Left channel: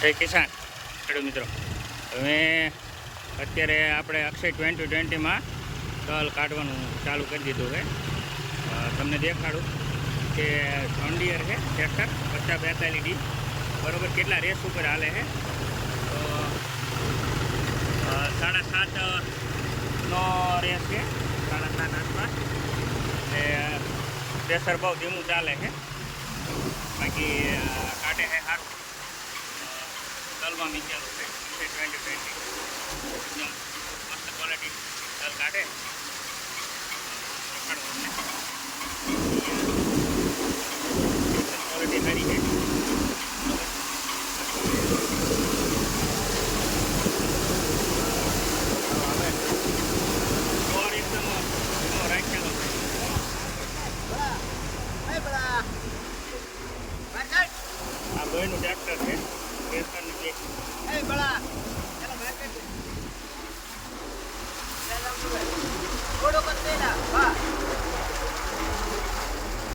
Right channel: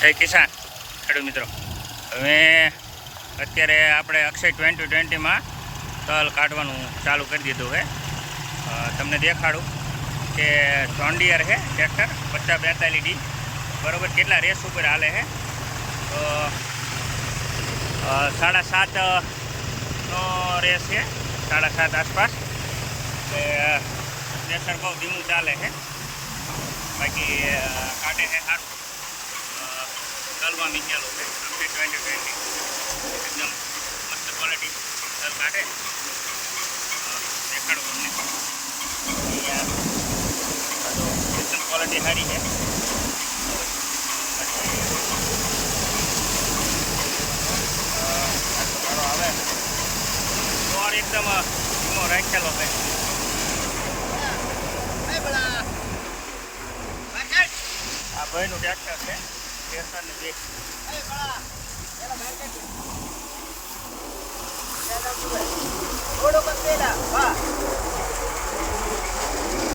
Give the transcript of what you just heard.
જય કિસાન ખેડૂત મિત્રો, હવે અત્યારે આપણે અક્ષય 2020માં તલ કાઢવાનું ચાલુ કરી દીધું છે. તમને દેખાડું કે જોન્ડિયર છે ટ્રેક્ટર 5042D બરાબર કેટલા રેસ ઉપર હાલે છે. તો 7.5નો રેસ છે, 7.5 આસપાસ. એટલે પ્રેશર બહુ ધીમું ચાલે છે, બાકી કાઢે છે સારું. તલમાં મીકેલું છે અક્ષય 2020, એકદમ મસ્ત ક્વોલિટી તલ કાઢે. દેખાડું તમને અહીંયા એકદમ ક્વોલિટી સારી છે. બરાબર, બાકી આટલો ગાળો આવે બરાબર, એકદમ ધીમો રાખેલો છે. આ ભાઈનું ટ્રેક્ટર છે, ટ્રેક્ટરની બે ઓડો કર પેલા વાહ